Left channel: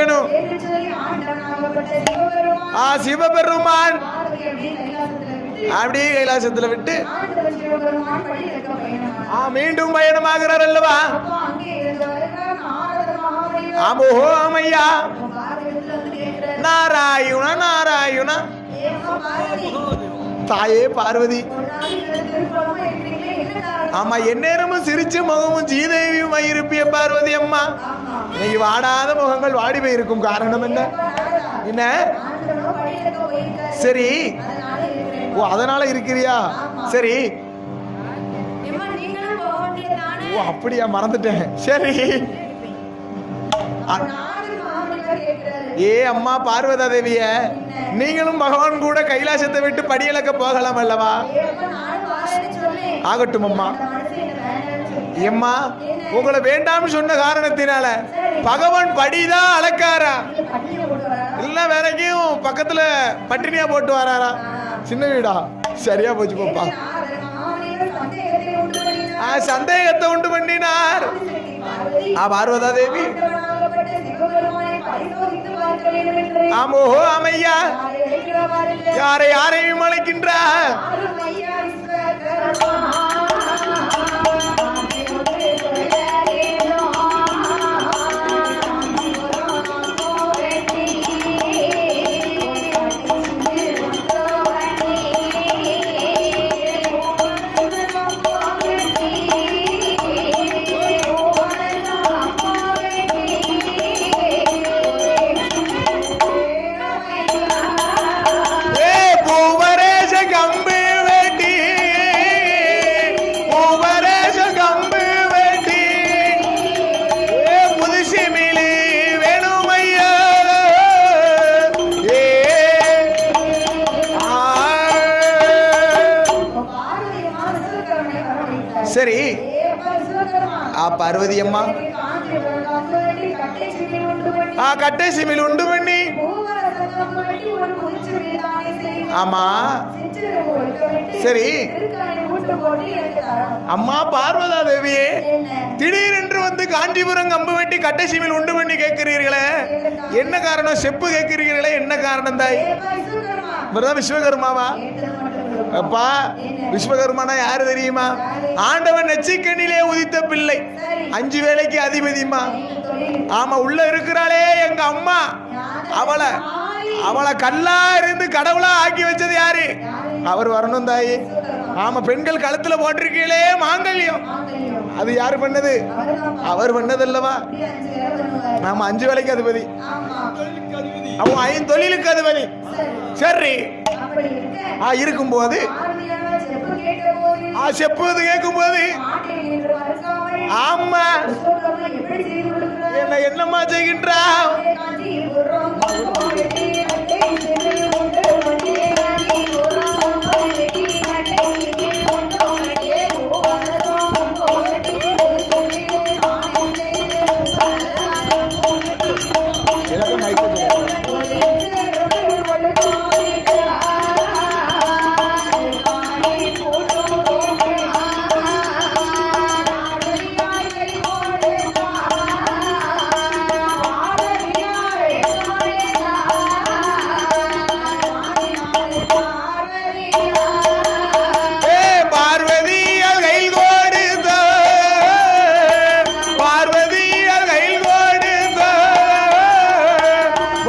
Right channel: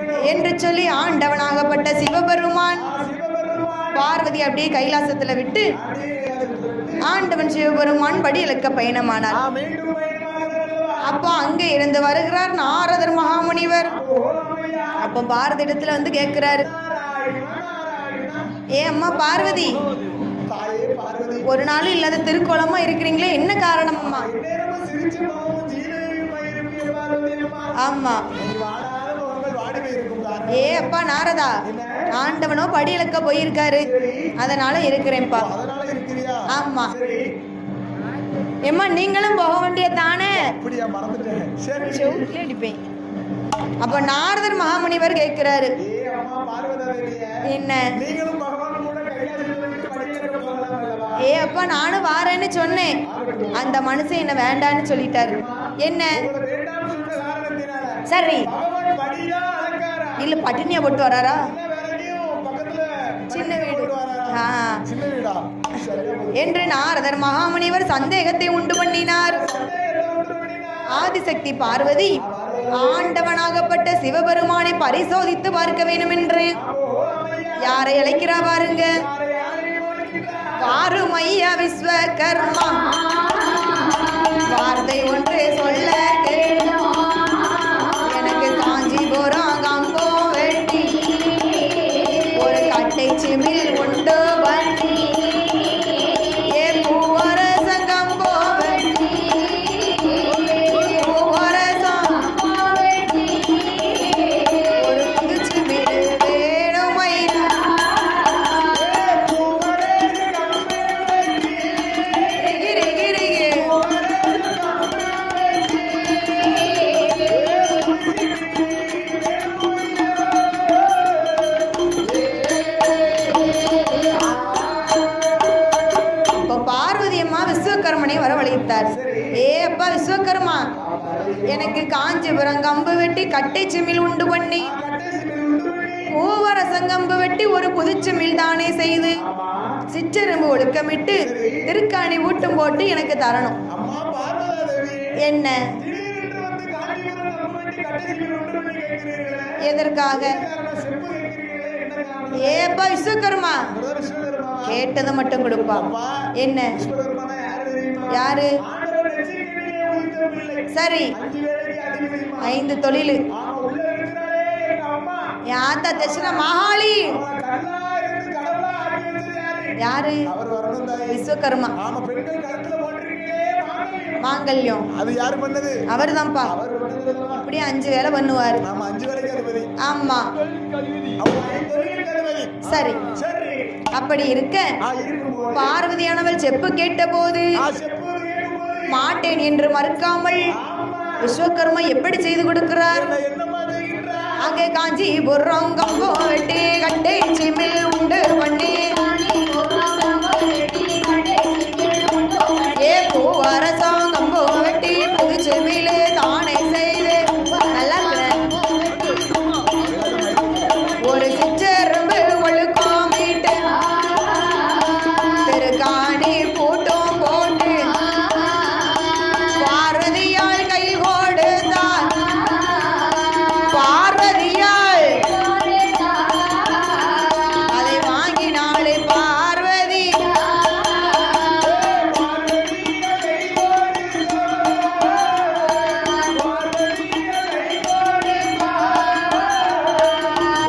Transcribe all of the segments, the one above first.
இருக்கணும் என்று சொல்லி ஆண்டவனாகப்பட்ட சிவபெருமான் பார்வதி அப்படியே கைலாசத்துல விட்டு ஆண்டவன் சிவபெருமான் படி இலக்க பயணமானார். மீண்டும் பயணமாகிறார் அல்லவா? அப்போ அங்கே இருந்து வருகிறார் நாரதர் மகாமுனிவர். அப்ப பாரதி இடத்துல வந்து கேட்கிறாரு, நாராயணா ஏ அம்மா பார்வதி, தாயே பார்வதி, ஒரு நாள் இல்லாத திருக்கோலமா இருக்கிறீங்களே, என்ன காரணம்? ஆமா, எந்நேரமும் சிரிச்ச முகமும் சீதேவியுமாய் இருப்பிய பார்வதி அம்மா. ஆமா, நீ வாடாத முகங்கள் வாடி போயிருக்கும் காரணம் என்ன? அப்பா நாரதா, என்ன? ஆண்டவனோ படி இலக்க போயிருக்காரு. சரி, அதனால இருக்கிறேன்ப்பா. அதனால இருக்கிறியா? ஆமா. சரி எம்மா, நீங்களும் போக வேண்டிய தானே? அப்படியா, மறந்துட்டேன். சரி. அப்ப நாரதர் மகாமுனிவர் கேட்கிறாரு, ஏ அம்மா பார்வதா தேவிய, என்ன நீங்களும் பகவான் கூட கைலாசத்தை விட்டு படியலக்க போகலாம் அல்லவா? ஏ அப்பா, நானும் வாரேன்னு சொன்னேன். ஆகட்டும் அம்மா. அந்த மனுஷன் என்ன வேண்டான்னு சொல்லிட்டாரு. அம்மா, என்ன உங்களை வேண்டாம்னு சொன்ன காரணத்தினால சரி பகவான் படிதான் அளக்காரா? இல்ல பட்டினியா போட்டு வராரா? இல்ல வேறக்கும் பக்கத்துல பட்டினியா போட்டு வராரா? சின்ன வீடா? சரியா போச்சு என்று நாரதர் மகாமுனிவர் சந்தேகத்தை உண்டு பண்ணினார். ஆதிசக்தி பார்வதி ஆண்டவனாகப்பட்ட சிவபெருமானை பரிசோதித்து பார்க்க வேண்டும் என்றே. யாரை அழைக்கிறா பாருங்க. யாரையும் அழைக்கின்றார்? யாரும் ஐயா விஸ்வகர்மா. வார்த்தை ஒன்றே சொல்ல எனக்கு காஞ்சிபுரம் கம்போ வெட்டி ஒரு கட்டை சிமிழ் உண்டு வண்டி பார்வதி அம்மா, எனக்கு காஞ்சிபுரம் கம்பு வெட்டி கட்டை சிமிழ் உண்டு பண்ணி பூவரசம் கம்பு வெட்டி ஒரு புதுச்சிமிழ் தானே செய்து சிற்றெரும்பு ஒழுக்கமிட்டு திருக்காணி ஊட்டும் போட்டு எனக்கு தரணும். அம்மா பார்வதா தேவியே, என்ன திடீரென்று வந்து காஞ்சிபுரம் கம்பு வெட்டி கட்டை சிமிழ் உண்டு பண்ணி கேட்கிறீர்களே, எதற்காக? என்ன காரணம்? செப்பு கேட்கிறீர்களே, என்ன காரணம்? விஸ்வகர்மா. விஸ்வகர்மாவா? கேட்டது மட்டும் கொடுப்பா. அப்பா, என்ன விஸ்வகர்மானா யாரு தெரியுமா? யாரு? ஆண்டவன் நெச்சிக்கண்ணிலே உதித்த பிள்ளை. சரி, 5 வேளைக்கு அதிபதிமா. 5 தொழில். ஆமா, உள்ள இருக்கிறாளே எங்க அம்மா, அவளை கல்லா இருந்து கடவுளா ஆக்கி வச்சது யாரு? அவர் வரணும் தாய். விஸ்வகர்மா. ஆமா, பெண்கள் கழுத்துல போட்டிருக்கீங்களே மாங்கல்யம், அது யாரு பண்ணது? அவர்தான்ப்பா. அவர் பண்ணது அல்லவா? அப்படியே 5 வேளை பண்ணுவாரு. ஆமா, 5 வேளைக்கு அதிபதி. ஆமா, அவன் 5 தொழிலுக்கு அதிபதி. சரி சரி. அப்படி இருக்கும்போது பார்வதியானவள் செப்பு கேட்ட போது, கேட்கும் போது மாட்டேன் என்று மறுக்காமல் ஆமா விஸ்வகர்மா எப்படி செய்து கொடுக்கிறார்? என்னம்மா செய்கின்றார்? அங்கே காஞ்சிபுரம் கம்போ வெட்டி கட்டை சிமிழ் உண்டு பண்ணி பூவரசம் கம்போ வெட்டி புதுச்சிமிழ் தானே செய்து ஒரு சிற்றெரும்பு ஒழுக்கமிட்டு திருக்காணி பூட்டும் போட்டு பார்வதியால் கை கொடுத்தார். பார்வதியால் அதை வாங்கினாளே பார்வதி. பார்வதியால் கை கொடுத்தார்.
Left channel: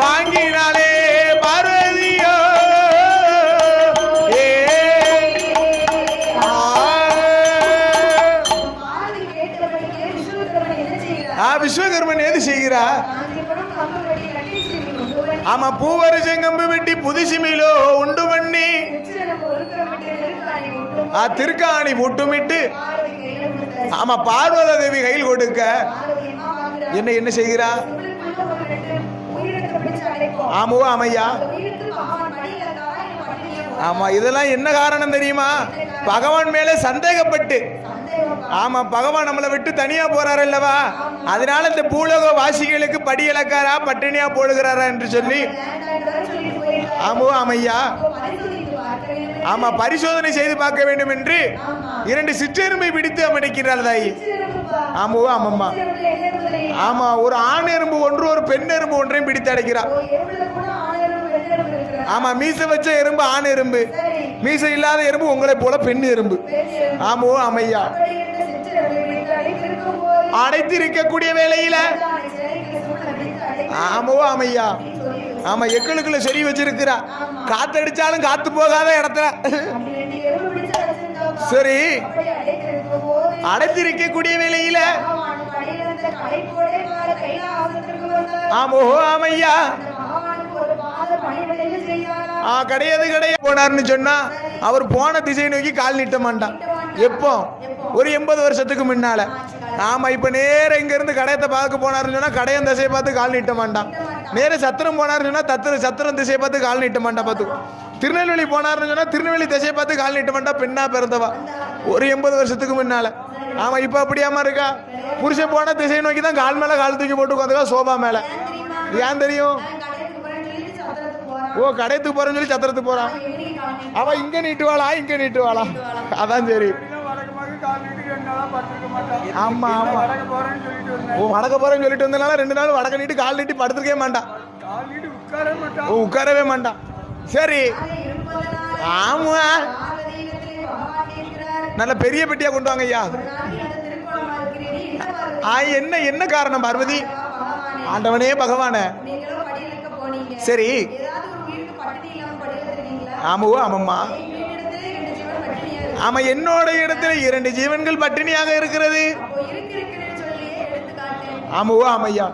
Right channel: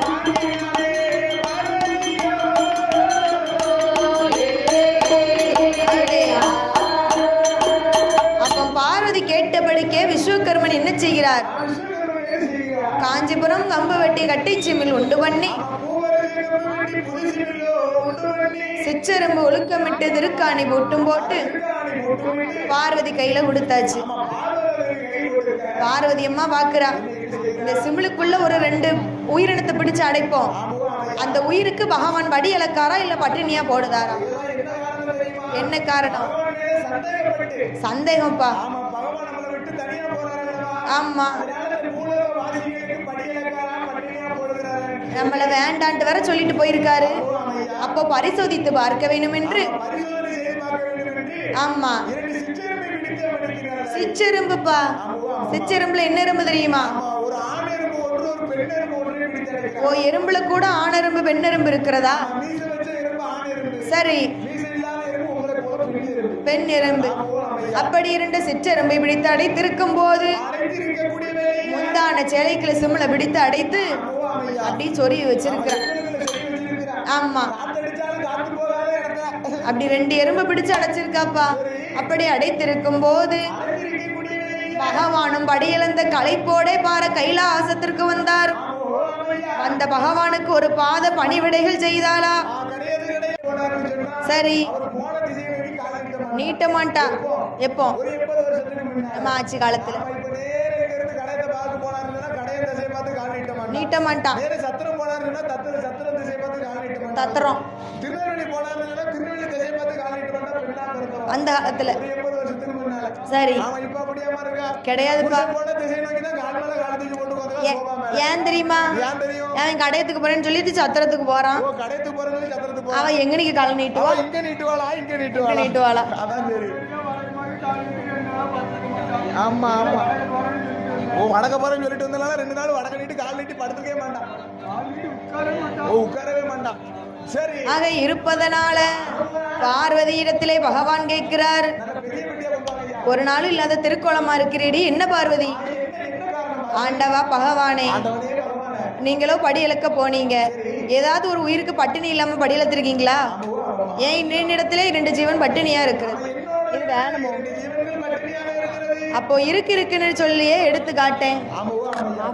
வாங்கினாலே பார்வதியோ. அப்ப பார்வதி கேட்டபடிக்கே விஸ்வகர்மன் என்ன செய்கிறார்? விஸ்வகர்மன் ஏது செய்கிறார்? காஞ்சிபுரம் கம்பு வெட்டி கட்டை சிமிழ் உண்டு பண்ணி. ஆமா, பூவரசம் கம்பு வெட்டி புது சிமிழோ உண்டு பண்ணி சிற்றெரும்பு ஒழுக்கமிட்டு திருக்காணி மூட்டும் போது திருக்காணி மூட்டுமிட்டு பார்வதி கையில கொடுத்தாச்சு. ஆமா, பார்வதா தேவி கையில் கொடுக்க பார்வதி அம்மா பாக்குறா. என்ன செய்கிறா? சிமிழுக்குள்ள ஒரு 2 உயிரினத்தை பிடிச்சு அடைப்போம். ஆமாவா அமையா? அந்த உயிருக்கு பகவான் படி இலக்காரா இல்ல பட்டினியா போடுறா? ஆமா, இதெல்லாம் என்ன காரணம் தெரியுமா? என்ன காரணம்? பகவான் மேல சந்தேகப்பட்டு. சந்தேகம்பா. ஆமா, பகவான் நம்மளை விட்டு தனியா போறாரு அல்லவா? ஆமா. அதனால இந்த பூலோக வாசிகளுக்கு படி இலக்காரா பட்டினியா போடுகிறாரா என்று சொல்லி வேண்டான்னு வேற சொல்லிட்டு போயிருக்காரு. ஆமாவா அமையா? அப்போ பரிசோதித்து பாரு. பார்க்க வேண்டும் என்று ஆமா பரிசோதனை செய்து பார்க்க வேண்டும் என்று ஆமா 2 சிற்றெரும்பை பிடித்து அமடிக்கிறாள் தாய். சிற்றெரும்புப்பா. ஆமா ஆமா. சிற்றெரும்புல என்ன எறும்பு தெரியுமா? ஆமா ஒரு ஆண் எறும்பு ஒன்று ஒரு பெண் எறும்பு ஒன்றையும் பிடித்து அடைக்கிறார். ஓ எறும்புல கூட ஆண் எறும்பு பெண் எறும்பு இருக்கிறதா? ஆமா மீசை வச்ச எறும்பு ஆண் எறும்பு. சரி. மீசை இல்லாத எறும்பு உங்களை போல பெண் எறும்பு. பெண் எறும்பு. ஆமா ஆமையா. அப்படி 2 சிற்றெரும்பை பிடித்து அடைத்திருக்கும் போது அடைத்திருக்கக்கூடிய வேளையில தான சேலைக்குள்ள சிம்ல பிடித்து அடைத்து ஆமா ஆமையா அப்படி சொறி வச்சு ஆமா எங்களுக்குள்ள சொறி வச்சிருக்கிறா. ஆமா காத்தடிச்சாலும் காத்து போகாத இடத்துல அப்படி 2 எறும்பு பிடிச்சு அடைச்சிருக்காப்பா. சரி. அப்படி அடைத்திருக்கும் போது அடைத்திருக்கக்கூடிய வேளையில பகவானும் படியிழந்த களைப்போடே பார கைலாசத்திற்கு வந்தார். ஆமோ ஆமையா. அந்த பகவானுக்கு ஒரு பாத பணிவிடைகள் செய்தாரா? கிடையாது போனார்னு சொன்னா சரி. அவர் போன திசை நோக்கி கால் நீட்ட மாட்டார். எப்போ? ஒரு 80 வருஷத்துக்கு முன்னால. ஆட்சி காலத்துல. ஆமா இப்ப நேர இங்க இருந்து கடையத்தை பார்க்க போனாருன்னு சொன்னா கடையன் திசையை பார்த்து கால் நீட்ட மாட்டான். நேர சத்திரம் போனாருன்னு சொன்னா சத்திரம் திசையை பார்த்து கால் நீட்ட மாட்டான். திருநெல்வேலி போனாருன்னு சொன்னா திருநெல்வேலி திசையை பார்த்து கால் நீட்ட மாட்டா. பெண்ணா பிறந்தவா ஒரு 80 வருஷத்துக்கு முன்னால. ஆமா இப்ப அப்படியாமா இருக்கா? புருஷன் போன திசை நோக்கி தான் கால் மேல கால் தூக்கி போட்டு உட்காந்துக்கா சோபா மேல. ஏன் தெரியுமா? ஏன் தெரியும்? கடையத்துக்கு போறேன்னு சொல்லிட்டு சத்திரத்துக்கு போறான். ஓ கடையத்துக்கு போறேன்னு சொல்லி சத்திரத்துக்கு போறான். அவன் எங்க நீங்க கால் நீட்டுவா? அவன் இங்க நீட்டுவாளா இங்க நீட்டுவாளா? அதான் சரி. ஆமா ஆமா. ஓ வடக்க போறேன்னு சொல்லிட்டு வந்தனால 2 நாள் வடக்க நீட்டு கால் நீட்டி படுத்துக்கவே மாட்டான். உட்காரவே மாட்டான். சரி. ஆக இருப்பதனால ஆமா பார்வதி இடத்திலே பகவான் கேட்கிறார். நல்ல பெரிய பெட்டியா கொண்டு வாங்க ஐயா. ஒரு நாள் இல்லாத திருக்கோலமா இருக்கிறீடி என்ன பார்வதி? என்ன காரணம் பார்வதி? ஆண்டவா பகவானே. ஆண்டவனே பகவானே. நீங்களோ படி இழக்க போனீங்க. சரி. ஏதாவது ஒரு உயிருக்கு பட்டினி இல்லாம படி இழத்திருக்கீங்களா? ஆமாம்மா. ஏன் என்னிடத்திலே 2 ஜீவன் பட்டினியா இருக்கு? ஆமா என்னோட இடத்துல 2 ஜீவன்கள் பட்டினியாக இருக்கிறது. அப்போ இருக்குன்னு சொல்லியே எடுத்து காட்டேன். ஆமையா.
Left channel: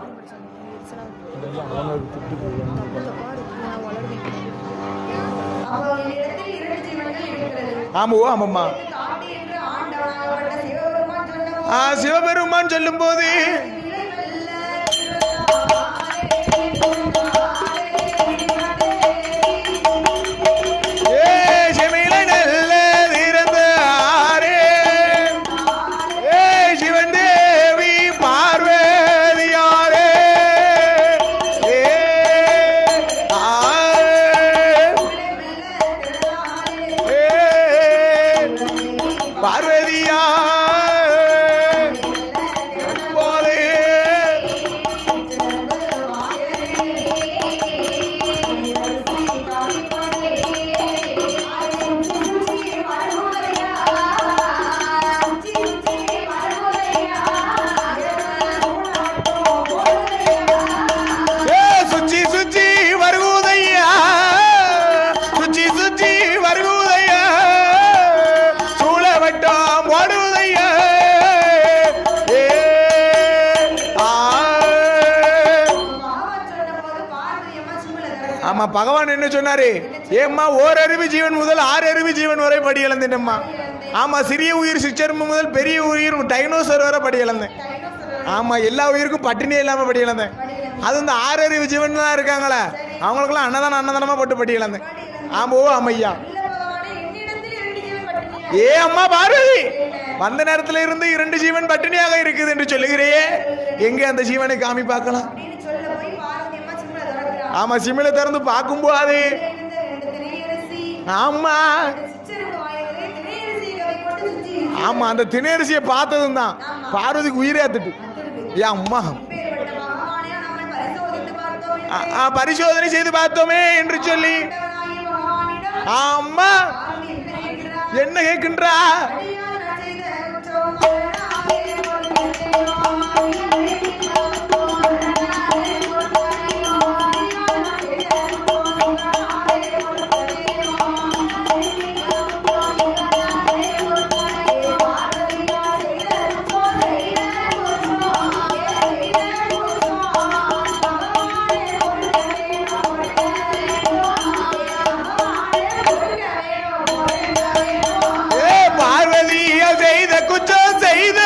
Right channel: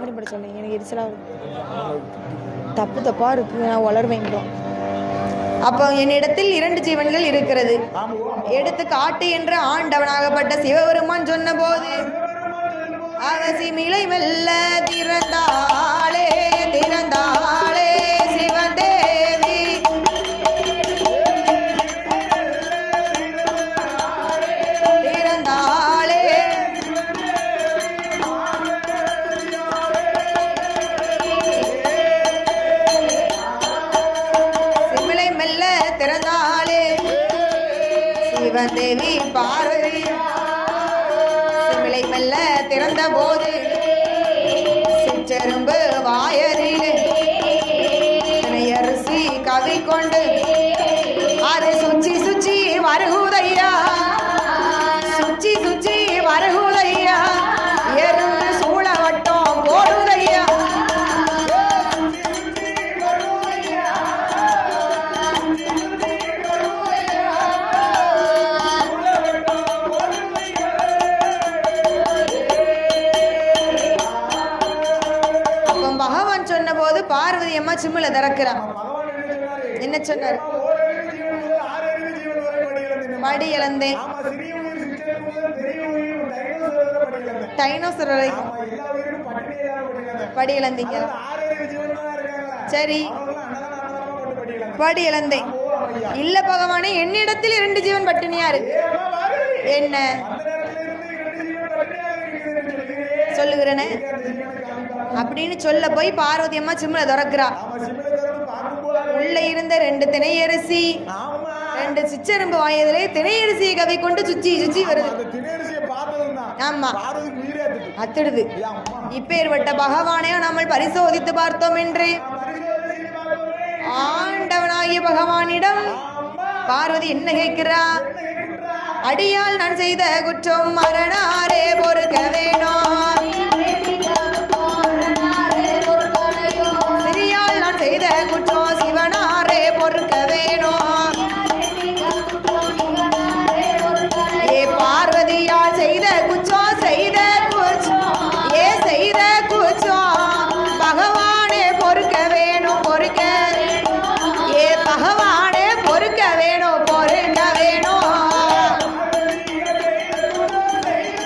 தப்பா இருக்கு நான் வளர்வேங்க. அப்போ என்னிடத்தில் 2 ஜீவன்கள் இருக்கிறது. எடுத்து காட்டு என்று ஆண்டவனாகப்பட்ட சிவபெருமான் சொல்லும் போது மிளை மெல்ல திறந்தாளே சிவதேவி. பகவான் என்ன சொன்னாரு? ஏம்மா ஓரறிவு ஜீவன் முதல் 6 அறிவு ஜீவன் வரை படி இழந்தேன்மா. ஆமா சிறிய உயிர் சிற்றெரும்பு முதல் பெரிய உயிர் டைனோசர் வரை படி இழந்தேன். ஆமா எல்லா உயிருக்கும் பட்டினியே இல்லாம படி இழந்தேன். அது இந்த 6 அறிவு ஜீவன் தான் இருக்காங்களே அவங்களுக்குலாம் அன்னதானமா போட்டு படி இழந்தேன். ஆமா ஆமையா. இல்ல பகவானே என்னிடத்தில் 2 ஜீவன் பட்டினியா இருக்கு. ஏ அம்மா பார்வதி என்ன வந்த நேரத்துல இருந்து 2 ஜீவன் பட்டினியாக இருக்குது என்று சொல்லுகிறே. எங்க அந்த ஜீவனை காமி பார்க்கலாம் அப்படின்னு சொல்ல போய் பார்வதி அம்மா சிம்ல திறக்கிறா. ஆமா சிம்ல திறந்து பாக்கும்போது உள்ள இருந்த 2 திணையரிசி. ஆமா 2 சிற்றெரும்பு வாயதிலே திணையரிசியை கவி கொண்டு சுச்சி ஆமா அந்த திணையரிசியை பார்த்ததும் தான் பார்வதிக்கு உயிரே அத்துடுது. ஏ அம்மா இப்பேர்வட்ட பகவானை நாமல் பரிசோதித்து பார்த்தோம் என்று பரிசோதனை செய்து பார்த்தோமே என்று சொல்லி ஆண்டவனாகிய பகவானிடம் ஆமா பார்வதி என்ன கேட்கின்றா? அடியால் நான் செய்த குற்றம் மரணாரே பொறுக்க வேணும். செய்த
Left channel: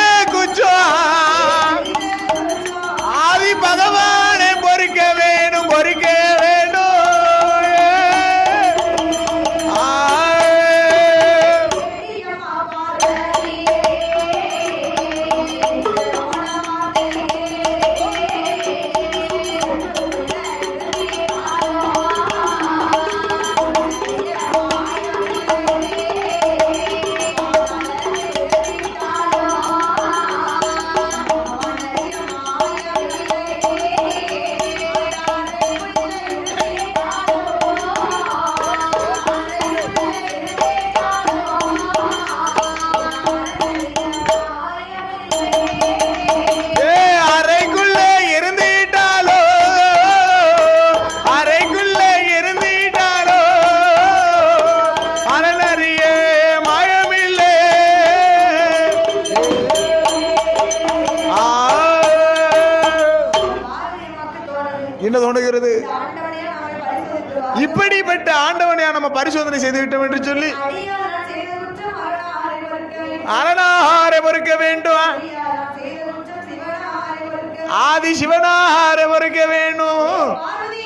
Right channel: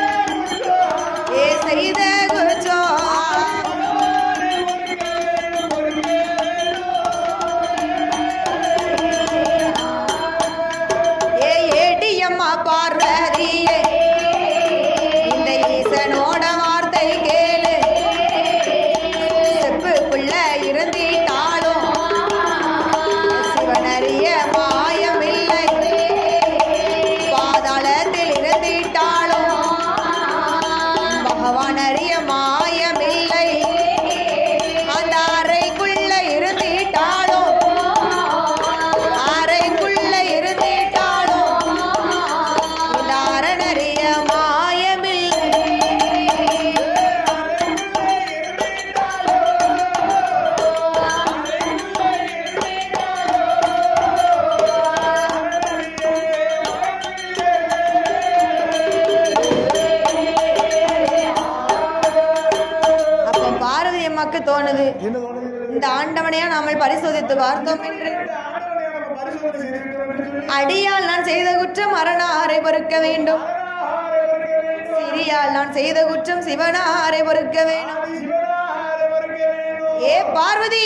தோணுது. என்ன தோணுகிறது? இந்த ஆண்டவனையா நாம பரிசோதித்து பார்த்தோம். இப்படிப்பட்ட ஆண்டவனையா நம்ம பரிசோதனை செய்து விட்டோம் என்று சொல்லி அடியால் நான் செய்த குற்றம் அரணாரை பொறுக்க வேண்டும். அரணாரை பொறுக்க வேண்டும். அடியால் நான் செய்த குற்றம் சிவனாரை பொறுக்க வேண்டும். ஆதி சிவனாரை பொறுக்க வேண்டும். ஏ பார்வதி,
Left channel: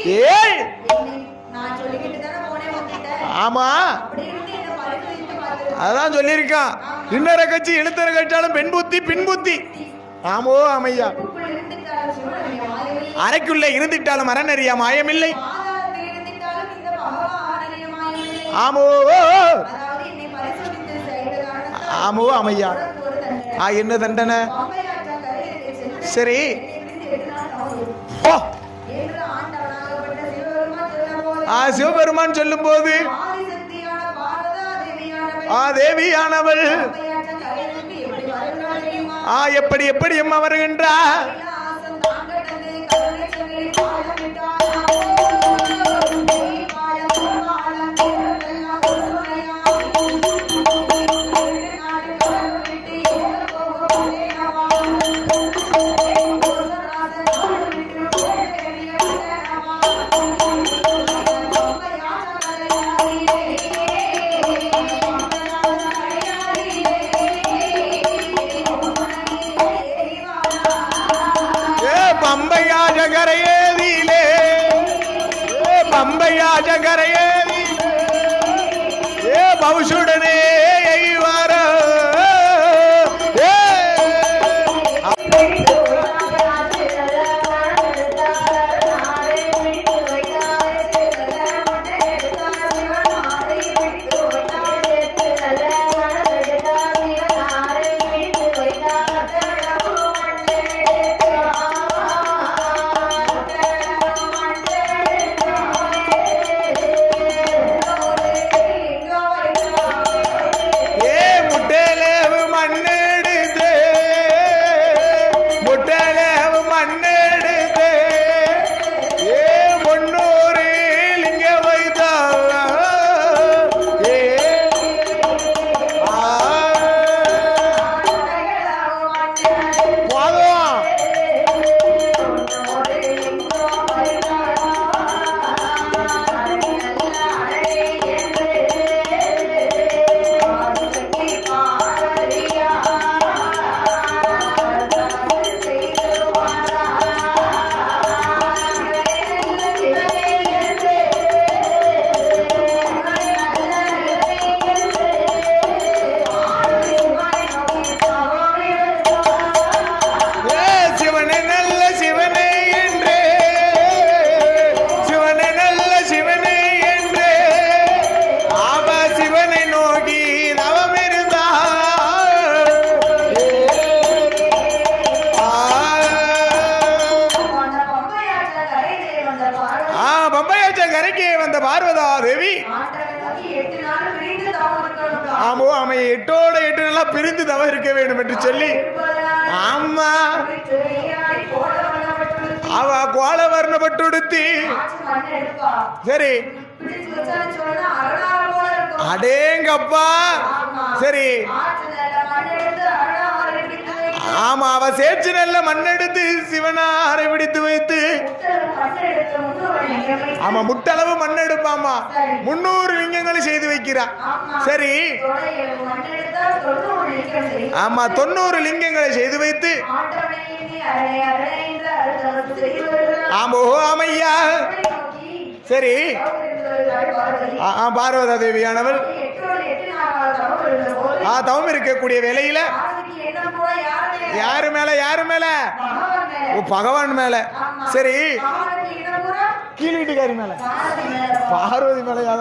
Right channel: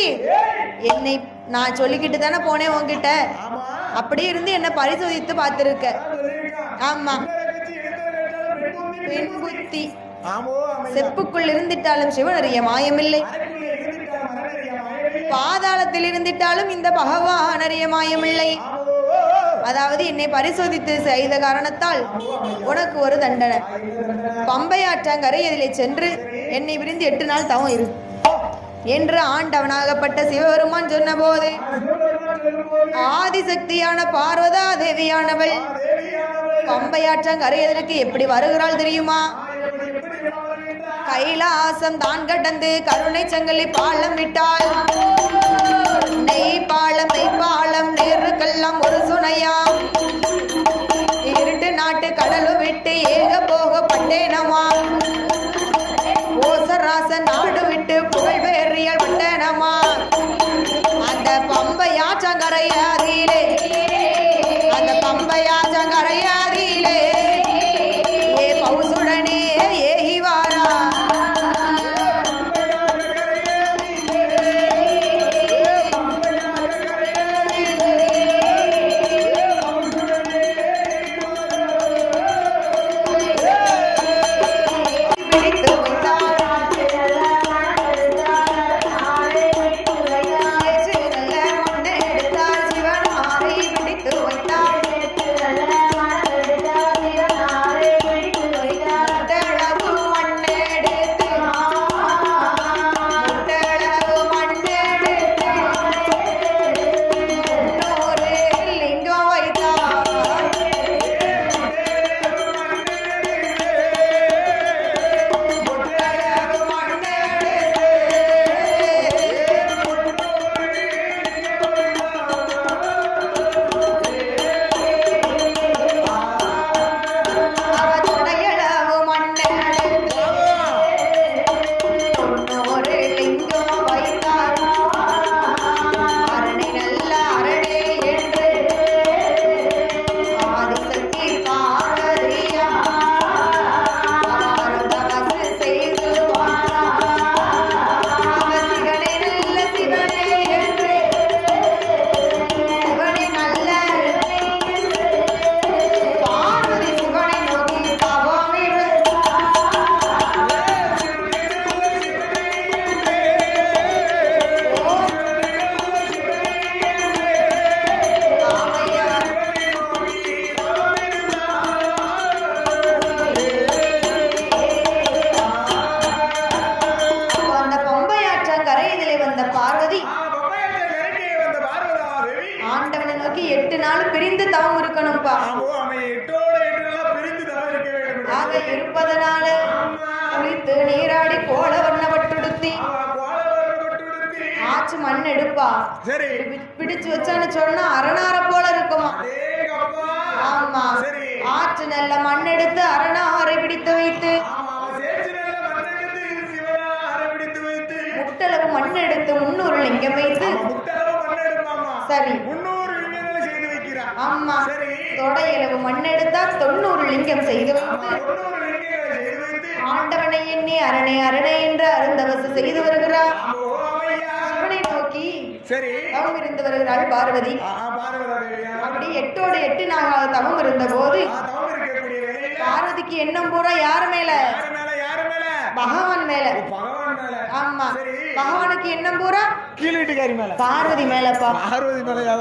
என்னை நான் சொல்லிக்கிட்டு தானே போனேன் உன்கிட்ட. ஆமா, அப்படி இருந்து என்ன பரிசோதித்து பார்த்திருக்க. அதான் சொல்லியிருக்கான். இன்னொரு கட்சி எழுத்தர கட்சாலும் பெண் புத்தி பின் புத்தி. ஆமோ அமையா. செப்புக்குள் இருந்திட்டாலும் சிவனறிய மாயமில்லை. அறைக்குள்ளே இருந்திட்டாலும் அரணறிய மாயமில்லை. பாதாளத்தில் இருந்திட்டாலும் இந்த பகவான் அறிய மாயமில்லை. ஆமோ. அதாவது என்னை பரிசோதித்து செய்த காரணத்தால் ஆமோ அமையா உனக்கு ஒரு தண்டனை. என்ன தண்டனை? பம்பை ஆற்றங்கரை இதிலே சென்று என்னை விரிந்து 8 நாள் தவம் இரு என்று ஆண்டவனாகப்பட்ட சிவபெருமான் சொன்ன போது சிவபெருமான் சொல்லும் போது ஆதிசக்தியான பார்வதா தேவியானவள் பம்பையாற்றங்கரை எதற்கு எப்படி வருகிறாள் தெரியுமா? எப்படி அம்மா வருகின்றார்? கைலாசம் தான் கடந்து கருணை சங்கிலி பாலம் விட்டாள். நெய் பாலம் நேருக்கெல்லாம் ஒரு சுனையா. இருட்டு நாட்டு கடலும் விட்டு ஏக போக பட்டேனமா. ஓசராச நாடு விட்டு புகழ்வேறியல் விட்டேனமா. அந்த பம்பையாற்றங்கரையாதிலே ஏ பௌசுடனே ஏகிவாரா. பௌசுடனே சரி பிடிச்சு வச்சான்னு சொன்னா அரணார போல இருக்கும். அடேங்கப்பா. சரி ஆற்று நல்ல மண் எடுத்து அரணாரை பிடித்து வைத்து. ஆமா, அவ சேற்று நல்ல மண் எடுத்து சிவனாரை பிடித்து வைத்து முட்டளவு மண் எடுத்து 300 லிங்கம் வைத்து. ஆமா, முட்டளவு மண் எடுப்பாமா. சரி 300 லிங்கங்களை செய்து வைக்கிறா. ஆமா சரி தொடையளவு மண் எடுத்தால் 90 லிங்கம் செய்து. ஆமா 90 லிங்கங்களை செய்து வைத்து ஆண்டவனை எண்ணி அரணை அரணை என்று அருந்தவசு செய்து வருகிறார். ஆமோ ஆமையா. சரி பார்வதி பார்வதா தேவியானவள் 8 நாள் தவம் இருந்த போது தவம் இருக்கக்கூடிய வேளையில பார்வதிக்கு எண்ணம் பூரா யார் மேல? யாரு மேல? பகவான் மேல. பகவான் மேல. சரி பகவானுக்கு எண்ணம் பூரா கீழ் வீட்டுக்காரி மேல. பார்வதி மேல. பார்வதி மேலயா?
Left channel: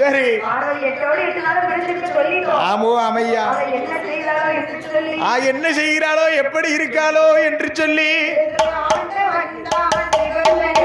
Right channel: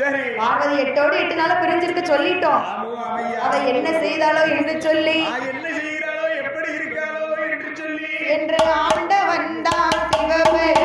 சரி பார்வதி 8 நாள் பிரிஞ்சிருக்க சொல்லிட்டோம். ஆமோ அமையா. என்ன செய்தாலோ என்று சொல்லி என்ன செய்கிறாளோ எப்படி இருக்காளோ என்று சொல்லி ஆண்டவன் தான் சிவபெருமான்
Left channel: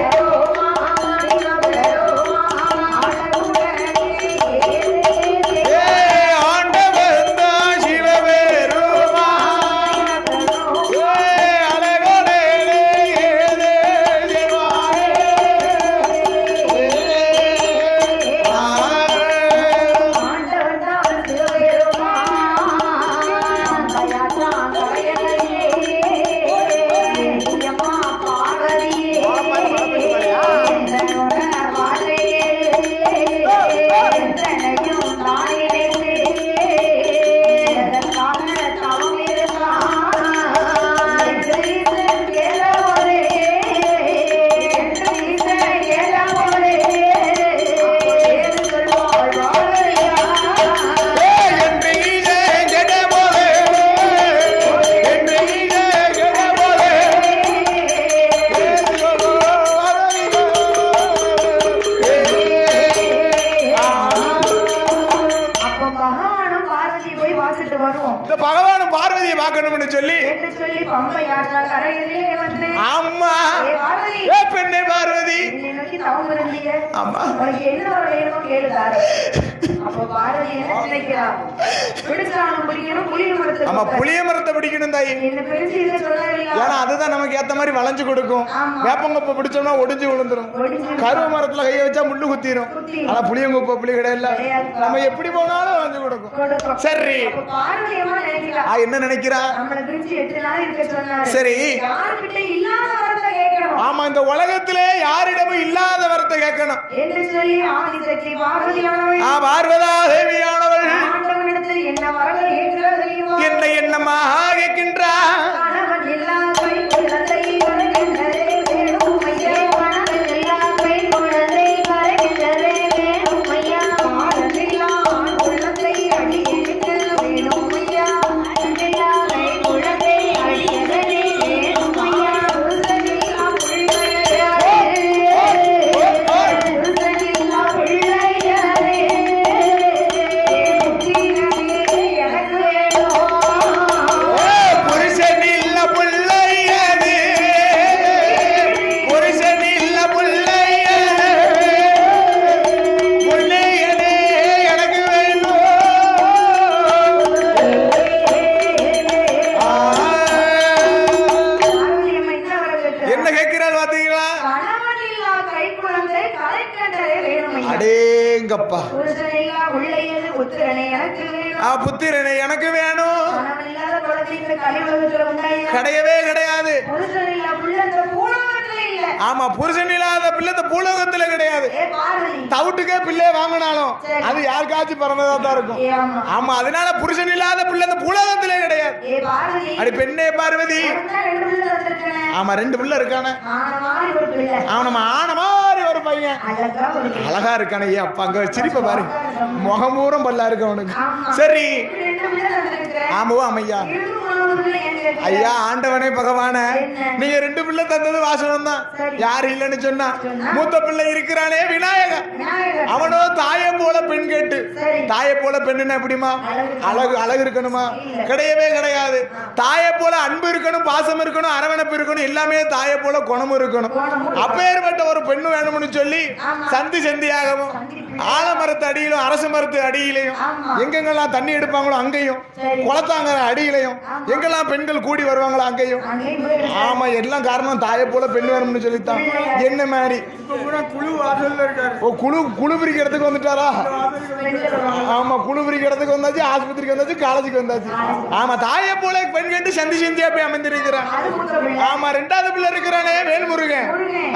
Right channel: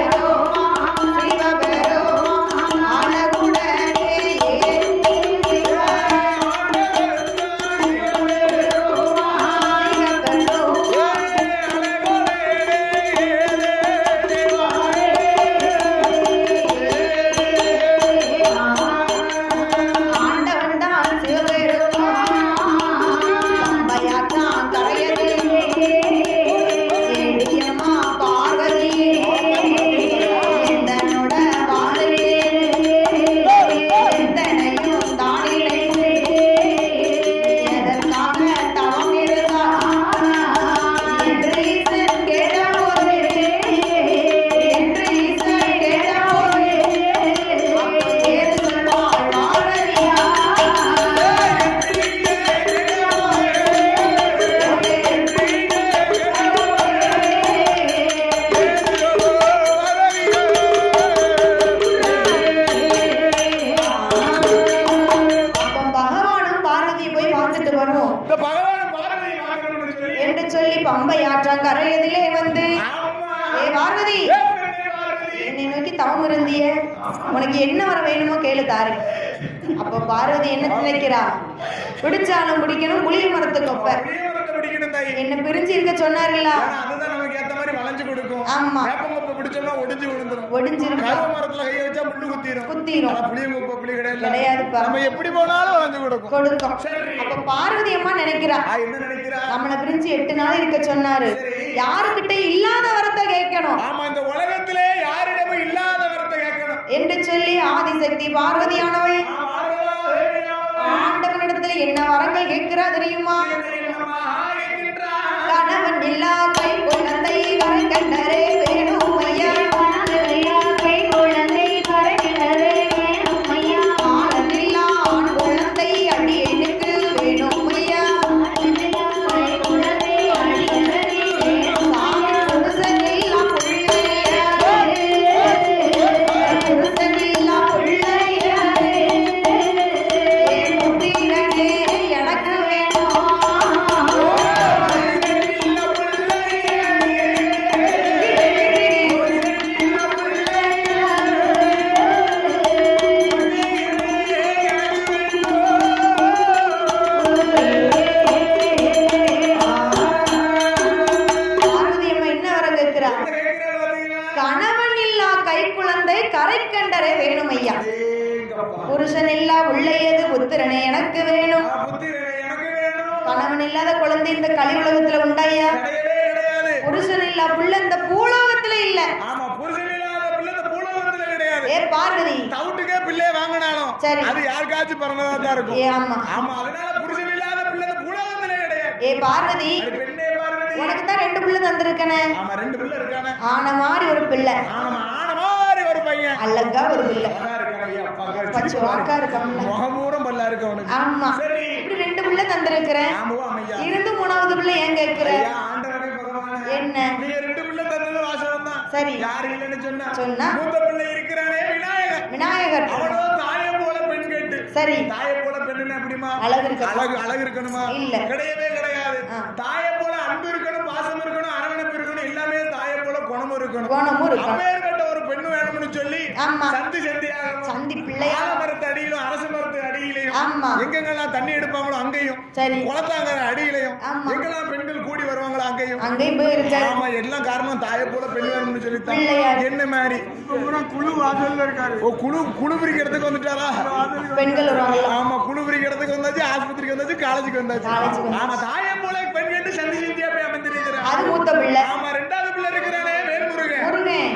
உனக்கு என்ன வர வேணுமோ கேளு தாரு. அப்ப பார்வதி என்ன நினைக்கிறா? பிடிச்சாலும் பிடிக்கணும், புளிய மரத்தை புளிய மரத்தை பிடிக்கணும் தாயி. என்ன பிரிச்சு இருக்க சொன்னாருல்ல, அதுதான் நமக்கு ஏத்த மாதிரி வளைஞ்சு கொடுக்கும். வேப்பங்கொப்பை பிடிச்சோம்னா ஒடிஞ்சு விழுந்துரும். கருவ மரத்துல கைய வச்சா முள்ளு குத்திரும். ஆனா புளியங்கொப்பை புளி கிடையாது, நம்ம எப்படி போனாலும் வளைஞ்சு கொடுக்கும். சரி, பார்வதி அம்மா நினைக்கிறா, என்ன நினைக்கிறா? நம்மள பிரிச்சு 8 நாள் இருக்க சொன்னாரு. சரி, யாருக்கிட்ட இல்லாத வரத்தை கேட்கணும். ஆமா, இந்த உலகத்திலே யாரிடமும் இல்லாத வரத்தை கேட்கணும் என்று சொல்லி ஆதிசக்தி பார்வதியானவள், பார்வதா தேவியானவள் ஆண்டவனிடத்துல என்ன வரங்கள் கேட்கிறா தெரியுமா? என்னமா கேட்கின்றா? கணவன் இல்லா கை குழந்தை கண்டரே வேணும் ஐயா, கணவன் இல்லா கை குழந்தை கண்டரே வேணும் ஐயா, ஆண் இல்லா ஆண் குழந்தை அடியேனுக்கு வேணும் ஐயா, ஆண் இல்லா கை குழந்தை அடியேனுக்கு வேணும் ஐயா, புருஷன் இல்லா பிள்ளையாரே, புருஷன் இல்லா பிள்ளையாரே, புத்திரனே எனக்கு வேணும். புருஷன் இல்ல புள்ளையனே, புருஷன் இல்ல புள்ளையனே, புள்ளையனே எனக்கு வேணும். பார்வதி அம்மா என்ன வர கேட்கிறா? என்ன கேட்கிறாள் பாத்தீங்களா? கணவன் இல்லா கை குழந்தை கரை கண்டரே வேணும் ஐயா, அடேங்கப்பா, புருஷன் இல்லா பிள்ளையது புத்திரனே எனக்கு வேணும். புத்திரனே எனக்கு வேணும். கணவன் இல்லாத குழந்தை இந்த கலியுலகத்துல உண்டாயா? கிடையவே கிடையாது. புருஷன் இல்லா பிள்ளை இந்த பூலோகத்துல இல்ல. ஆமா, புருஷன் இல்லாத பிள்ளை இந்த பூலோகத்துல கிடையாது. ஏ பார்வதி, தவிட்டுக்கே பிள்ளைய வாங்கினாலும் சரி, அது யாருக்காச்சும் பிறந்ததா தான் இருக்கும். ஆமா ஆமா, அதனால புருஷன் இல்லாத பிள்ளை இந்த பூலோகத்திலே கிடையாது. ஏ பார்வதி, அடி பெண்ணே பார்வதி, உனக்கு தான் 2 பிள்ளை தந்திருக்கனே. ஆமா, 2 பிள்ளை இருக்கானே. ஆன மாதிரி ஒரு பிள்ளை, ஆமா, ஆன மாதிரி ஒரு பையன், அழகா ஒரு பிள்ளை, அழகா இருக்கானே. அப்பா அங்க சிரிப்ப பாரு, முகம் பூரம் பல்லா இருக்கு அவனுக்கு. ஆமா, சரி, 2 பிள்ளை தந்திருக்கிறேன். ஆமாவா ஐயா? இருந்து 3வது பிள்ளை ஏன் கேட்கிற? ஐயா, ஆண்டவனே பகவானே, நீங்க 2 பிள்ளை தந்தது வாசனம் தான். சரி, யாரு இல்லன்னு சொன்னா? மூத்த பிள்ளை இருக்கிறானே விநாயகர். விநாயகர் அவனோ தாயை போல பெண் கேட்டு. சரி, தாயை போல பெண்ணுன்னா எப்படிமா? அழகு இருக்கணுமா? கிடையவே கிடையாது. தாயை போல அன்பு இருக்கணும், பாசம் இருக்கணும், அரவணைப்பு இருக்கணும், எல்லாமே தாயை போல குணமும் இருக்கணும். அப்பேற்பட்ட ஒரு பெண்ணு வேணும்னு சொல்லி சந்தி சந்தியாகவும் ஆலமரத்து அடியிலும் அரசு மரத்து அடியிலையும் எங்கெங்கெல்லாம் தண்ணி எடுப்பாங்களோ அங்கேயும், குளத்தாங்க அடியிலையும் எங்கெல்லாம் பெண்கள் கூடி வருவாங்களோ அங்கேயும். ஆமா, எல்லாம் காரணம் தாயை போல பெண் வேணும்னு சொல்லித்தான். என்ன மாதிரி குழு வாசல்ல இருக்காரு. குழு பிரிக்கிறதுக்கு வந்துட்டாரா? ஆமா, குழு பிரிக்கிறதுக்கு வந்தாச்சு, ஆஸ்பத்திரிக்கு வந்தாச்சு, காலேஜுக்கு வந்தாச்சு. ஆமா, தாயை போல பெண் கேட்டு சந்தி சந்தியா போய் அமைந்திருக்கிறான். ஆமா, 2வது பிள்ளை இருக்கிறானே வேல்முருகன்.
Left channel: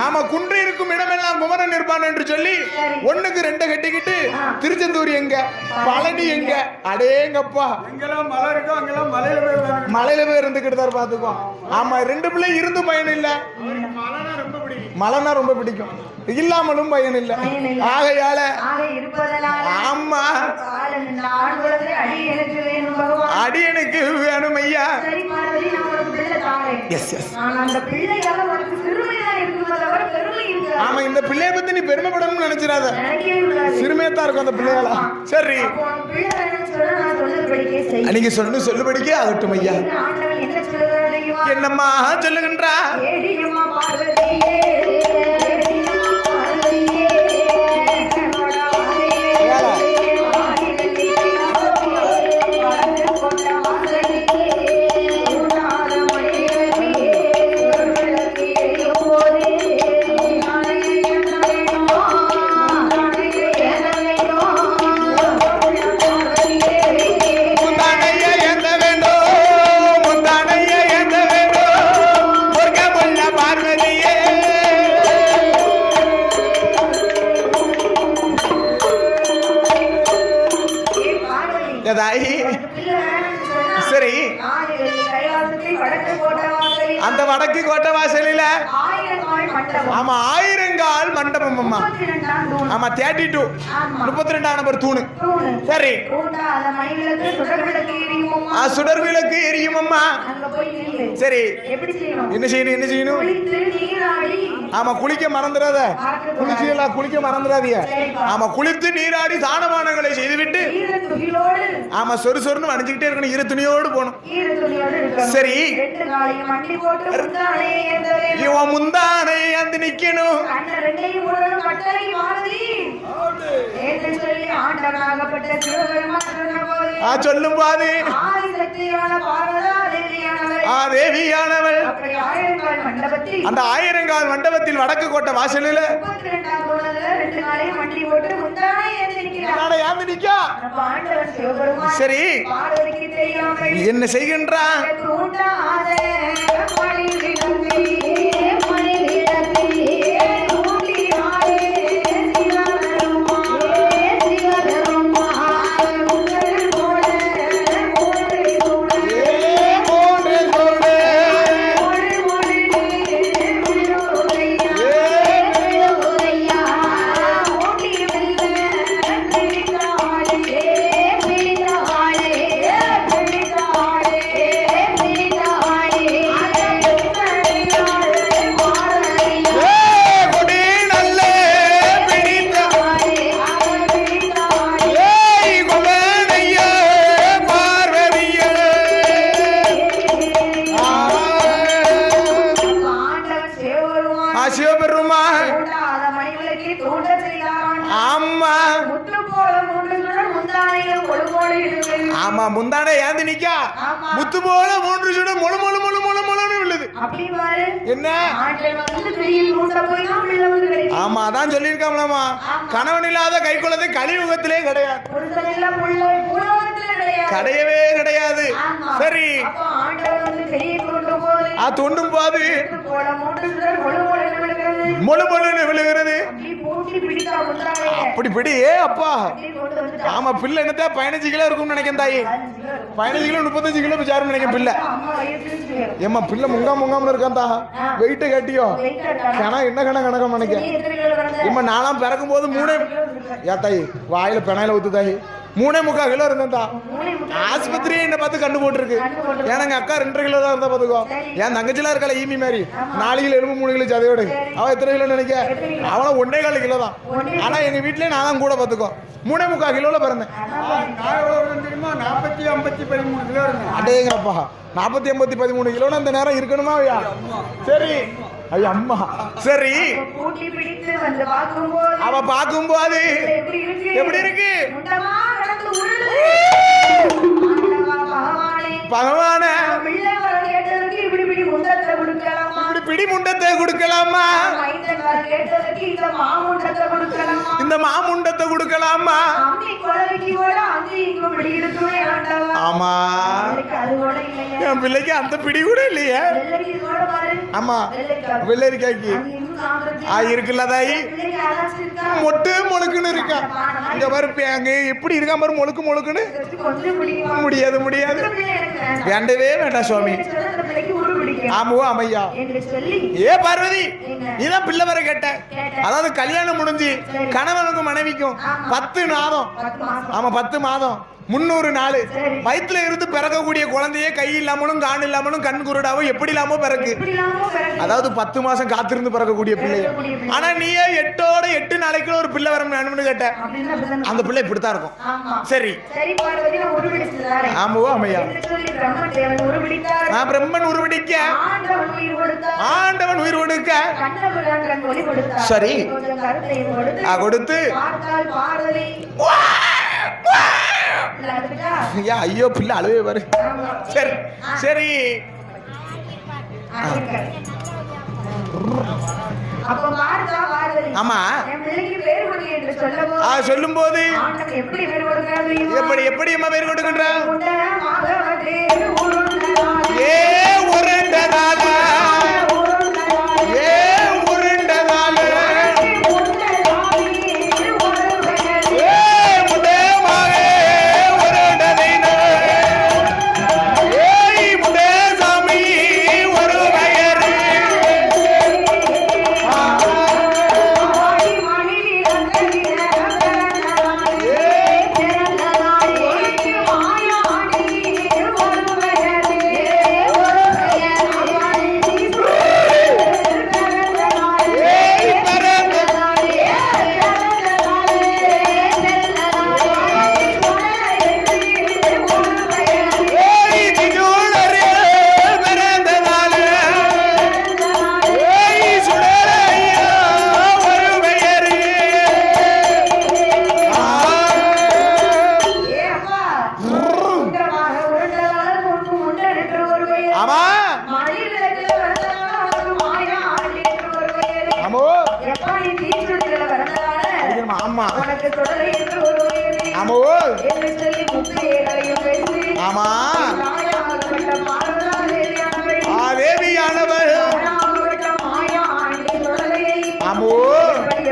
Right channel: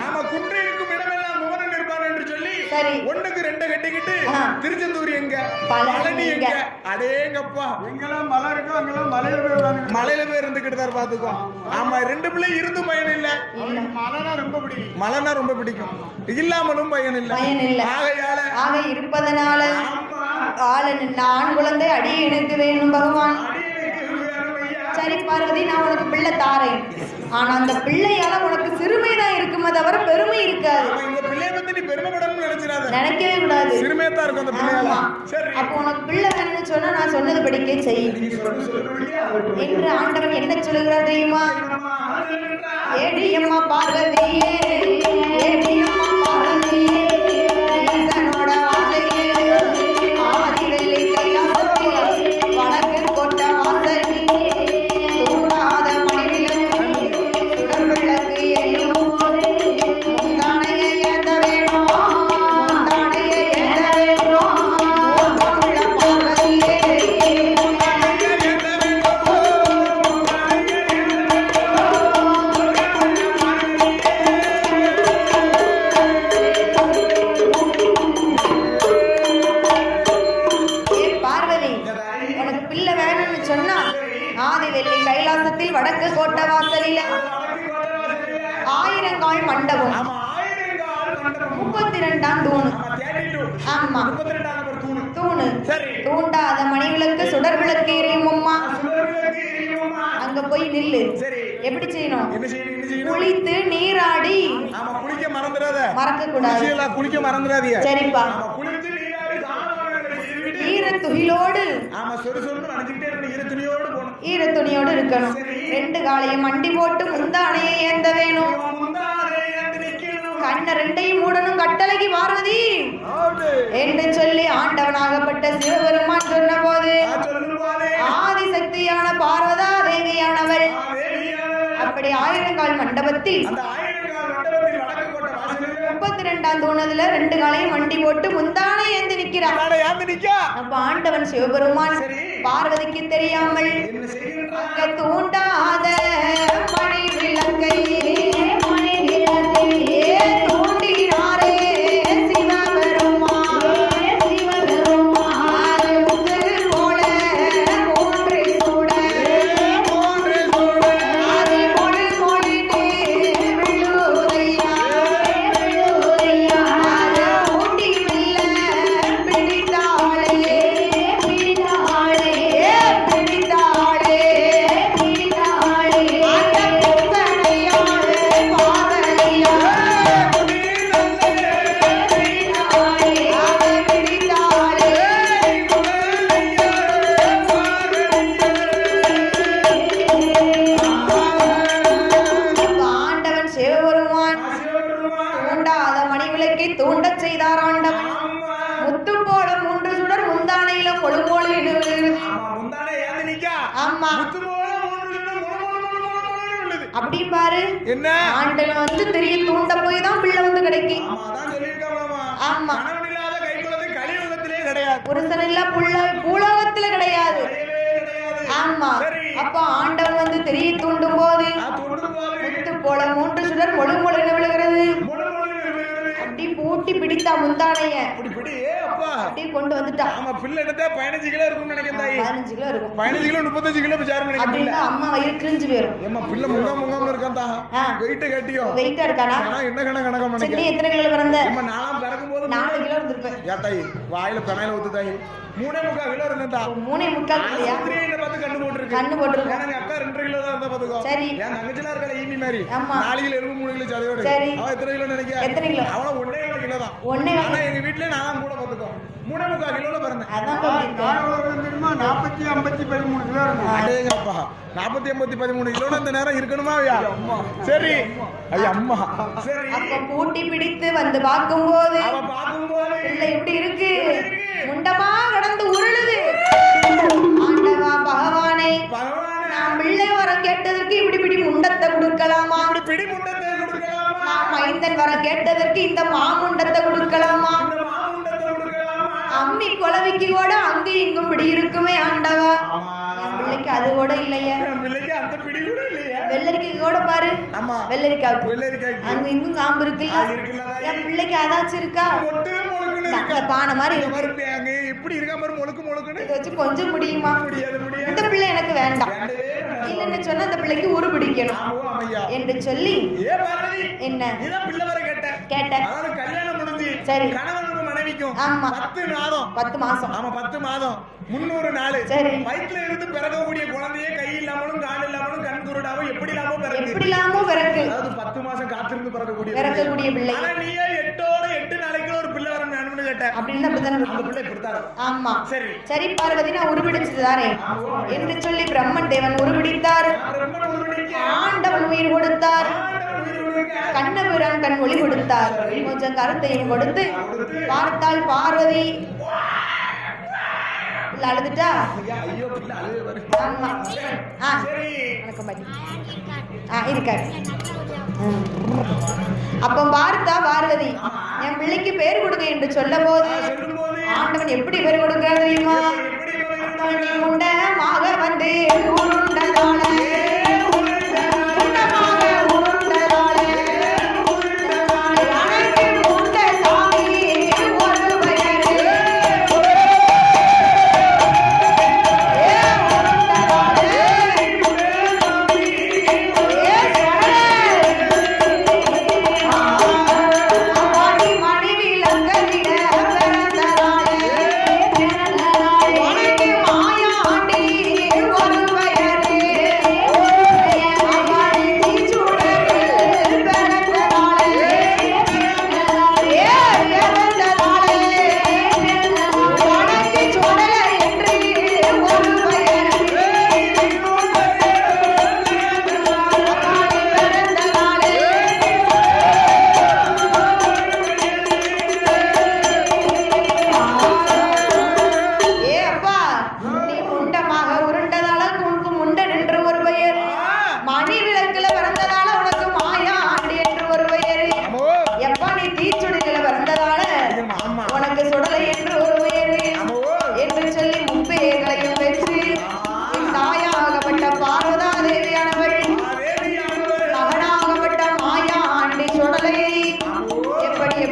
ஆமா, குன்று இருக்கும் இடமெல்லாம் குமரன் இருப்பான் என்று சொல்லி 1க்கு 2 கட்டிக்கிட்டு திருச்செந்தூர் எங்க, பழனி எங்க, அடேங்கப்பா, எங்கெல்லாம் மலை இருக்கோ அங்கெல்லாம் மலையில போய் இருந்துகிட்டு தான் பாத்துக்கோ. ஆமா, 2 பிள்ளை இருந்து பயன் இல்ல. மலைனா ரொம்ப பிடிக்கும், இல்லாமலும் பயன் இல்ல. ஆகையால இருப்பதனால ஆமா, ஆண் குழந்தை அடியனுக்கு வேணும் பகவான், அடியனுக்கு வேணும் ஐயா. சரி பார்வதி, நான் உனக்கு பிள்ளை தாரேன். ஆனா அந்த பிள்ளையால உனக்கு சிறுமைதான் இருக்குமா தவிர பெருமை இருக்காது. ஆமா, இந்த பிள்ளைய பத்தி நீ பெருமைப்படணும்னு நினைச்சிடாத, நினைக்கவே கூடாது. சிறுமையத்தான் இருக்கும் அந்த பிள்ளையால. சரி, உனக்கு பிள்ளை வேணும்னு சொன்னா நான் சொன்னது படிக்க செய். நீங்க சொல்லுபடிக்கே ஆகட்டும் ஐயா. ஆண்டவன் என்ன சொல்லுகிறார் தெரியுமா? என்னம்மா சொல்லுகின்றா? ஏடியம்மா பார்வதியே, ஏடியம்மா பார்வதியே, ஈசனோட ஆசையே, ஆதிவெளி கைலாசமே, வடக்கு கோட்ட வாசலிலே, சூடாத மயிலே, சுடர்விளக்கு எரியும் போதே, முந்தானையை ஏந்த வேணும், முந்தானையை ஏந்த வேணும், முந்தானையை ஏந்த வேண்டும், முந்தானையை ஏந்த வேண்டும், முருகமுள்ள பார்வதியே. பார்வதி, பிள்ளை வேணும்னு சொன்னா சரி, ஆதிவெளி கைலாசத்தில் வடக்கு கோட்ட வாசலில், அந்த வடக்கு கோட்டை வாசலில 1000 கால் மண்டபம். ஆமா, 1000 கால் மண்டபம். அம்மா 32ஆம் தூண். ஆமா, 32. ஆமா, 32ஆம் நம்பர் தூணு. தூணு. சரி, தூண்டாத மணிவிளக்கு சுடர் விளக்கு எரியும் அம்மா. சுடர் விளக்கு எரியும் அம்மா. அங்க போய் நில்லு. சரி, எப்படி செய்யணும்? என்ன செய்யணும்? குளித்து நீராடி. ஆமா, குளிக்க மறந்துடாத, மறக்க கூடாது. குளிக்க மறந்துடாதீங்க. சரிப்பா. ஆமா, குளித்து நீராடி தானமானங்களை செய்துவிட்டு ஈர துணியோடு, ஆமா, சொறுசொறுன்னு வடிஞ்சுக்கிட்டே இருக்கணும், ஈர துணியோடு போகணும். ஈர துணியோடு இருக்கணும். சரி, 2 காலையும் மண்டி போட்டு முந்தானையை ஏந்த வேணும். முந்தானை அந்த நிக்கணும். கண்ண 2ஐயும் மூடணும். கட்டளைக்கு பார்வதி என்று சொல்லி ஆண்டவனாகப்பட்ட சிவபெருமான் சொன்னபோது சொல்லும் போது ஆதிசக்தியான பார்வதா தேவியானவள் அப்படி ஆயிரங்கால் மண்டபத்தில் அந்த ஆயிரங்கால் மண்டபத்தில் வடக்கு கோட்டை வாசலில் 32ஆம் தூணத்துல 2 காலையும் வண்டி போட்டு முந்தானை ஏந்தி நிற்கிறார். அப்ப ஆண்டவன் சிவபெருமான் சரி பார்வதிக்கு தெரியாமல் என்ன செய்கின்றான்? தூண்டாத மணி விளக்கை முந்தானே ஏந்தி நிக்க முத்து போல 3 சுடம் முழு முழு முழு முழு முழுன்னு விழுது. அப்படி பாரு என்ன ஆண்டவன் வந்து தெரிய தூண்ட போய் தான் பிள்ளை வந்து கிடைக்கும். ஆமா அதான் சொல்லிருக்காமலாமா கணவன் இல்லாத கைக்குழந்தை கலியுகத்திலே கிடையாது. புருஷன் இல்ல பூலோகத்திலே கிடையாது. கிடையவே கிடையாது. சரி அப்ப ஆண்டவன் வந்து தெரிய தூண்டும் போது தூண்டும் போது போல 3 சுடர் முழு முழுன்னு விழுகிறது. முழு முழுன்னு விழுகிறது. அப்படி பூட்டி பிடித்தா முந்தானைய அப்படி பிடி அப்பா அப்படியே கொண்டு வந்துட்டா. ஆமா பிள்ளை என்னதா 15 கிலோ இருக்கும்னு நினைக்கிறேன் தாயி. 15 கிலோ 35 கிலோ விசாரம் நினைக்கிறேன் பிள்ளை. அம்மா வயிறு கிழிஞ்சு போயிடும். ஏம்மா பிள்ளை முங்காம இருக்கான்டா. Wait கட்டியோ wait எடுத்தாடா. கணா என்ன கணக்கம் நினைக்கிறேன். நீ எத்தனை கிலோ பிறந்த? அம்மா நாலாம் பிறக்கும் போது 3 கிலோ இருந்திருப்பேன். யா தாயி வாயில பெனாயில ஊத்து தாயி 3.25 கிலோ இருந்தா. 3.25 ஆஸ்பத்திரியே என்ன பார்த்து கண்டு போட்டுருக்கு. எனக்கு அக்கா 2 கிலோ தான் இருந்தா பாத்துக்கோ. என் தங்கச்சில இருக்கல ஈமி மாதிரி 4 கிலோ இருக்கும் 3 கிலோ சதையோடு. அவ எத்தனை கிலோ நினைக்க? அவள 1.25 கிலோ தான். ஆனா எங்க வீட்லயே நான் தான் கூட பாத்துக்கோ 3.25 கிலோல பிறந்தேன். தெரியுமா 40 50 13 கிலோ இருக்கு. அடேங்கப்பா 40 80 13 கிலோல அந்த நேரம் இருக்கணுமா ஐயா? சரி ஐயா அம்மா சரி கூட்டி பிடித்து வந்து பார்க்கும்போது அவ பார்க்கும்போது எப்படி இருக்கு முண்டமா கடந்து உருளுது. ஆண்டவா பகவானே பிள்ளை வர கேட்டதற்கு இப்படி முண்டத்தை கொடுக்கலாமா? இப்படி பிடி முண்டத்தை கொடுக்கலாமா? மைந்தன் வர கேட்டதற்கு இந்த மாமுண்டத்தை கொடுக்கலாமா? இந்த மாமுண்டத்தை கொடுக்கலாமா? அம்மி குலவிக்கு கூட அங்க இங்கும் பிடி இருக்குமே ஆண்டவா. ஆமா அது கூட இல்லையா? என் பிள்ளைக்கு அந்த பிடி கூட இல்லையா? வெள்ளரிக்காய் கூட பாரு. ஆமா வெள்ளரிக்காய்க்கு அங்க இன்னும் காம்பு இருக்கு. இருக்குல்ல தாயி? பிள்ளைக்கு அதாச்சு இருக்கா? மொட்டு முழுக்குன்னு இருக்கா. பானை மாதிரி இங்க பாரு அங்க எப்படி இருக்கா பாரு முழுக்குன்னு. கொஞ்சம் முடியுமா? முடியாது. இந்த பிள்ளை எனக்கு வேண்டாம். வேண்டவே வேண்டாம் சுவாமி. சொன்ன அந்த பிள்ளைக்கு உரு பிடிக்கணும். ஆமோ அம்மையா என்று சொல்லி பார்வதி என்ன நீதான் பிள்ளை வர கேட்ட. அதாவது கல்யாணம் முடிஞ்சு கணவனுக்கும் மனைவிக்கும் 10 மாதம் 10 மாசம். ஆமா 10 மாதம் 300 நாள் வயிற்றுல இருந்து பிறக்கக்கூடிய குழந்தையே கை இல்லாமலும் கான் இல்லாமலும் கண் குருடாவும் எப்படி இல்லாம பிறகு. அதாவது 10 மாசம் காத்திருந்து பிறக்கக்கூடிய பிள்ளை. ஆனா நீயே 8 நாளைக்கு ஒரு பிள்ளை வரணும்னு கேட்ட. அந்த பிள்ளை இப்படித்தான் இருக்கும். சரி சரி பார்வதி உருவெடுத்துதானே. ஆமாவோ அம்மையா சொல்லி பிரம்மன் தேவன் உருவெடுத்தார். பிரம்மன் உருவெடுக்க ஆண்டவன் உயிர் கொடுத்தார். ஆண்டவன் உயிர் கொடுக்க கண்ணபுரம் கண் ஒளி கொடுத்தார். சரி கொஞ்சம் கருத்தையும் கொடுத்து பார்த்தால் பார்வதி அழுதுட்டா. ஐயோ பிள்ளை அழுவே பாரு. சரி சரி அப்ப பார்த்தா பார்வதி ஆமா என் பிள்ளைக்கு பேர் கொடுங்க என்று சொல்லும் போது ஆண்டவன் எப்படி பேர் கொடுக்கிறார் தெரியுமா? எப்படி அம்மா பேர் கொடுக்கிறார்? உண்டமாக வந்து மாயா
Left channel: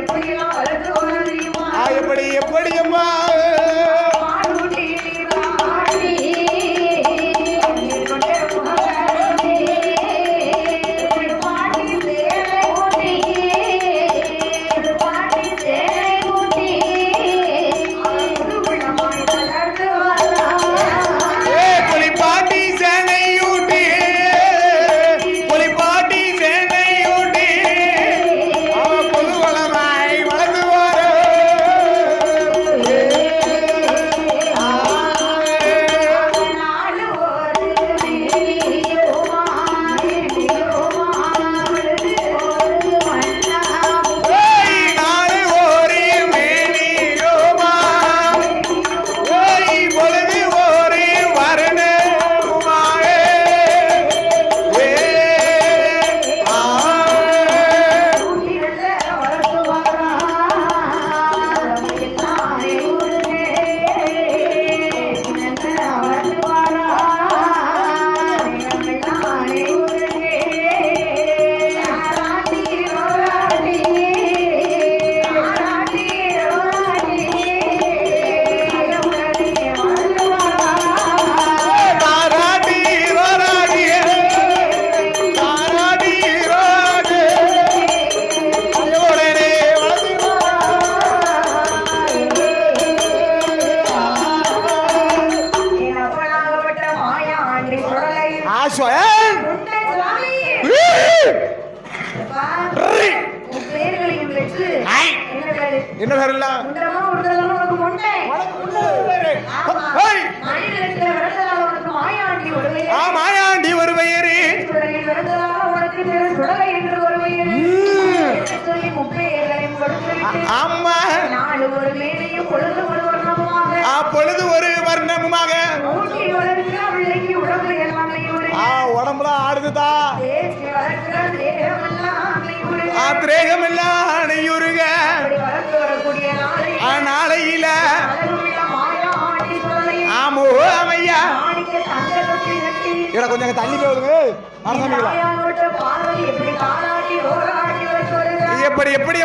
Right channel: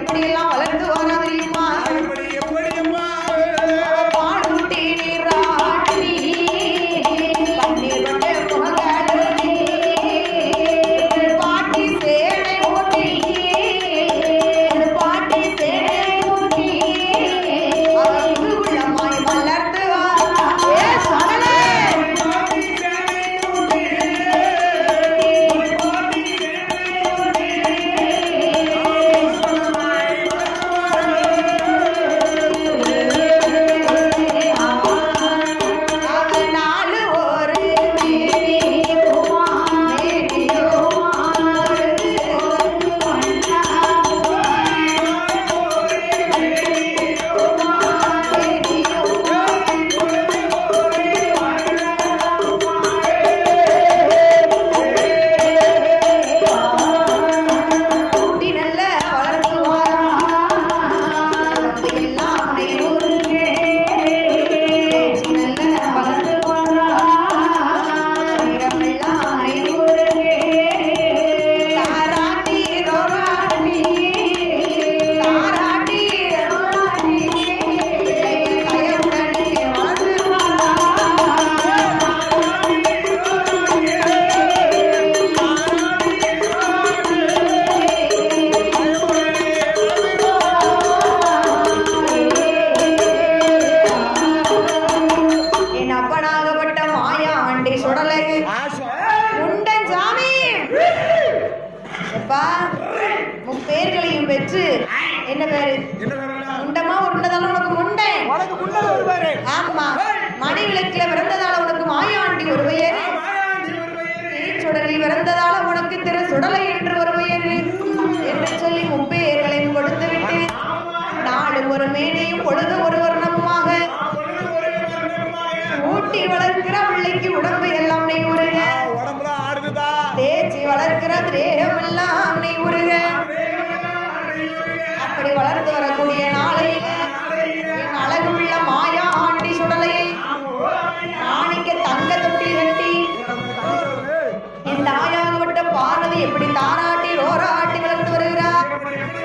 எப்படி எல்லாம் வளர்ந்து வரா தெரியுமா எப்படி எப்படி அம்மா பாலூட்டி நீராட்டி கண்ணீர் கொண்டே முகவாடி பாட்டி சேலை ஊட்டி பாட்டி சேலை ஊட்டி அவர் குடுகுடமாய் வளர்ந்து வரா பொலிப்பாட்டி சேனையூட்டி பொலிப்பாட்டி சேனையூட்டி பொதுவளமாய் வளர்ந்து நாடு ஒரு நாள் ஓரி மேனியோமா ஓய் பொழுது ஓரி வரணமாயே நல்ல வளர்ந்து எல்லாமே ஊருகே நல்ல வளர்ந்து எல்லாமே ஊருகே தாராட்டி ரோராட்டி தாராட்டி ரோராட்டி உடனே வந்து தாராடி ரோராடி தாராடி ரோராடி உடனே வந்து என் அப்பனாகப்பட்ட மாயா ஆண்டி சுடலை ஆஸ்வன் உண்டன் சாமி அப்பா, உன் பேர்களையும் பெற்று என்ன பேரு என்ன வரலாம் உண்டமா உண்டதால உனக்கு உண்டை உனக்கு முன்னர் வருவாரு ஆமா ஏய்! மணிகளுக்கு பிறந்ததால உனக்கு மாயாண்டி ஒரு பெயர் மாயாண்டி ஒரு பெயரு சுடலில் பிறந்ததால உனக்கு திரு சுடலை என்று ஒரு பெயர் என்று சொல்லி உன் பெயர்களையும் கொடுத்து விட்டு ஆமா நாடு ஒரு மேடையும் பொழுது ஒரு வர்ணமுமாக அப்பொழுது ஒரு வர்ணமுமாக ஊட்டி வளர்க்கிற பிள்ளைக்கு உடம்பு எல்லாம் நெய்யுறு உடம்புலாம் ஆடுதுதா தேய்ச்சி வளர்க்கிற தேகம் எல்லாம் நெய்யுறுக திரேகமெல்லாம் அணையுருக அப்படி வளர்த்து வரக்கூடிய நாளை நாளையில அழகுள்ள மாயா ஆண்டி சுடலை ஆமோ ஐயா மாணிக்க தங்க தொட்டி கட்டி இட கொஞ்சம் தள்ளி போகுது தாயாகப்பட்ட பார்வதி எப்படி தானாட்டி ஓராட்டி வளர்த்து வருகிறார் எப்படி எப்படி